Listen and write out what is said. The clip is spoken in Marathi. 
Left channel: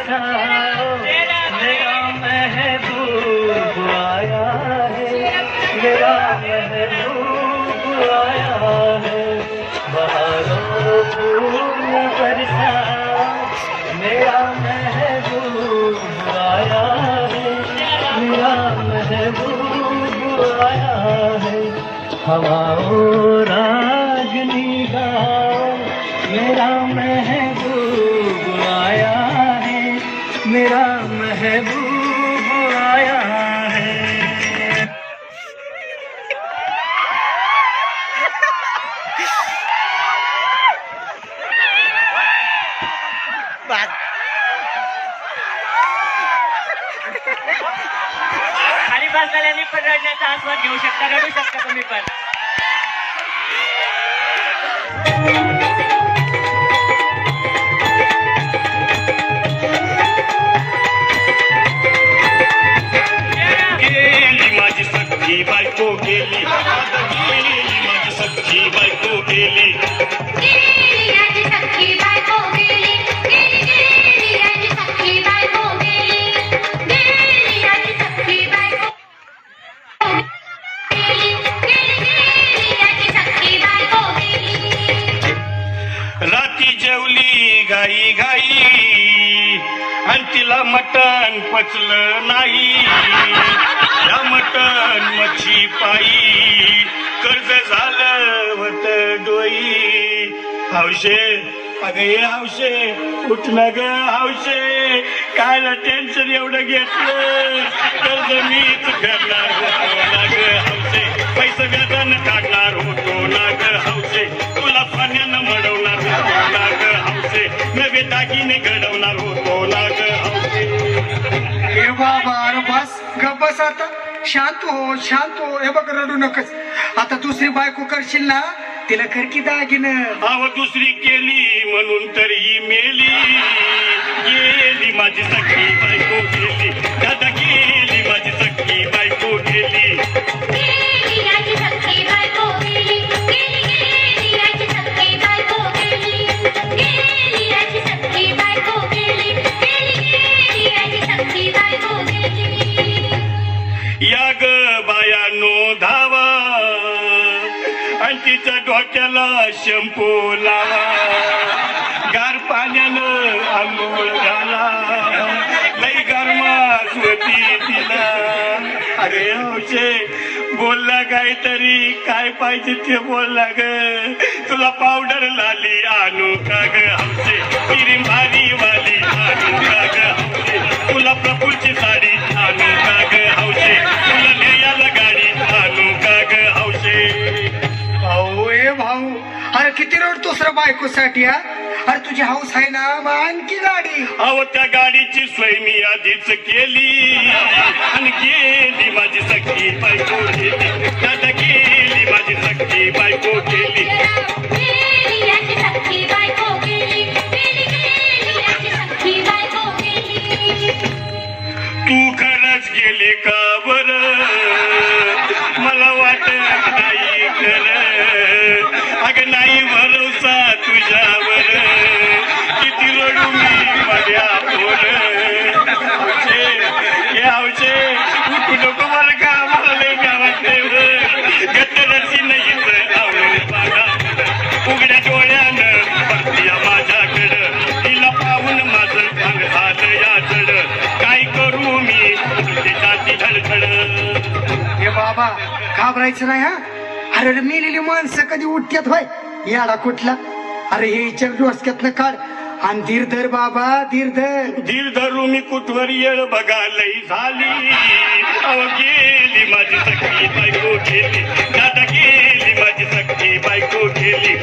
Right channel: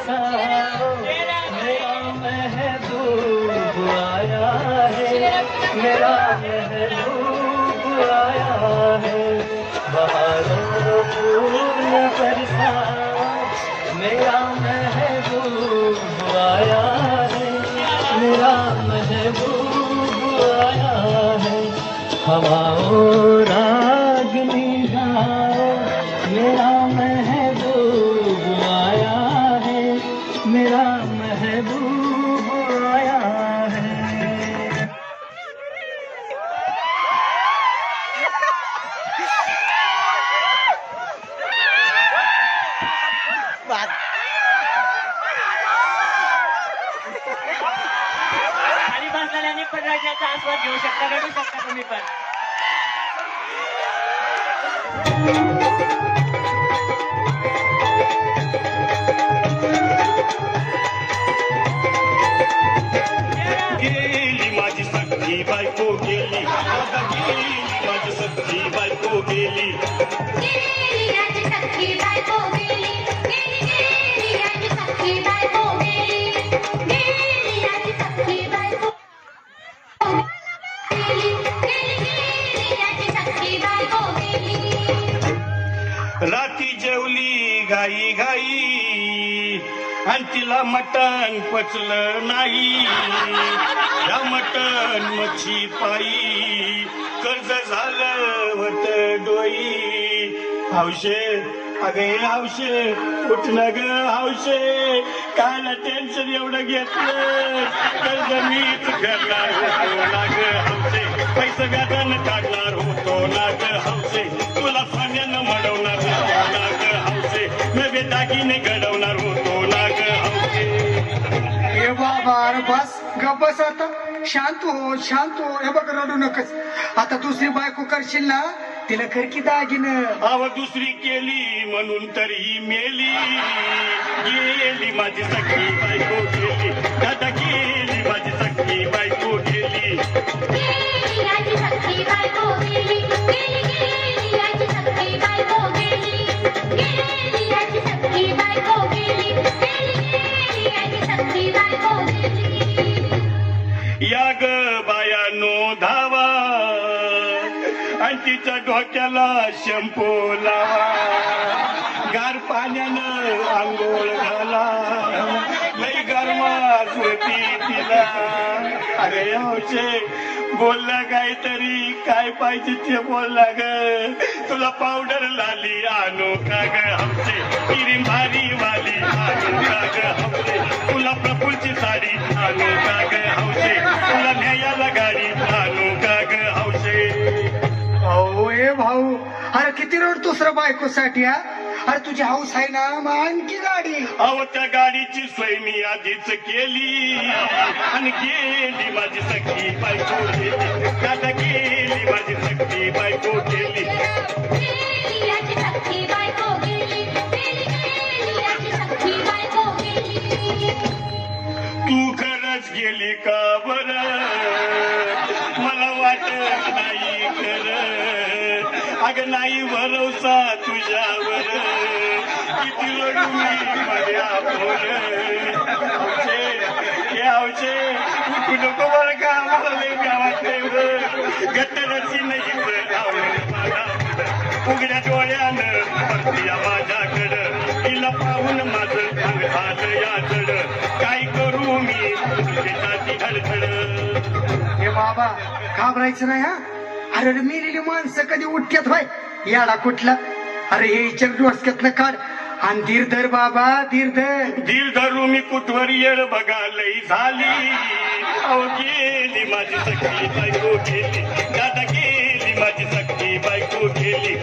बरसाओ, मेरा महबूब आया है, मेरा महबूब आया है। बहारों फूल बरसाओ, मेरा महबूब आया है, मेरा महबूब आया है। हवाओं रागनी गाओ, मेरा महबूब आया है, मेरा महबूब आया है। खाली बसलेल्यांनी पण रडण्याचा आस्वाद घेऊ शकता, रडू शकता तुम्ही पण. गेली माझी सख्खी बायको गेली, माझी सख्खी बायको गेली. राती जेवली घाई घाई आणि तिला मटण पचलं नाही. या मटण मच्छी पायी कर्ज झालं होत डोई. हौशे अगं ये हौशे, उठ ना ग हौशे, कायला टेन्शन एवढं घेतलं. कर्ज मीच करणार होतो ना ग हौशे, पैसे व्याजानं काढणार होतो ना ग हौशे, तुला पाण्यानं मडवणार होतो ना ग हौशे, नवे दागिने घडवणार होतो ना ग हौशे. हे बाबा अरे बस गप बस आता, शांत हो शांत हो. हे बघ रडू नकच. आता दुसरी बायको करशील ना, तिला खरकी दागिनं. अव दुसरी केली म्हणून तर ही मेली. गेली माझी सख्खी बायको गेली, दादा गेली माझी सख्खी बायको गेली. या ग बायानो धावा आणि तिच्या डोक्याला शॅम्पू लावा. गार पाण्यानं आंघोळ घाला, लई गरमास होती तिला. अरे हौशे बोलला काहीतरी, काय पाहिजे ते बोलला ग. तुला पावडर लाली आणू का ग हौशे, क्रीम भारी वाली आणू का ग हौशे, तुला प्रफुलची साडी आणू का ग हौशे, तुला न्यायाला गाडी आणू का ग हौशे. भाऊ हे भाऊ, अरे किती रडतोस रे बायकोसाठी हा. अरे तुझी हौस आहे ना, मग आणखी गाडी. अहो त्या गाडीची सोय मी आधीच केली आणि गेली माझी सख्खी बायको गेली. दादा गेली माझी सख्खी बायको गेली. तू खरंच गेली का बर, मला वाटत नाही खरं. अगं नाही भरोसा तुझ्यावर, किती रडू मी माझ्या पोर. यावचे उठू नको बरं का, मला लई गावात गट्टरची नाही आवडून बघा. उघड्या डोळ्यानं परतीया माझ्याकडं, तिला पाहून माझं अंग झालं याचड. काय करू मी त्याची धडधड. हे बाबा घाबरायचं नाही हा. अरे रे मेलेली माणसं कधी उठत्यात होय, याडा कुठला. अरे हे चल डोसक्यातनं काढ आणि धीर धर बाबा, धीर धर. धीर धरू मी कुठवर येळ बघा लई झाली. अहो गेली माझी सख्खी बायको गेली, दादा गेली माझी सख्खी बायको गेली.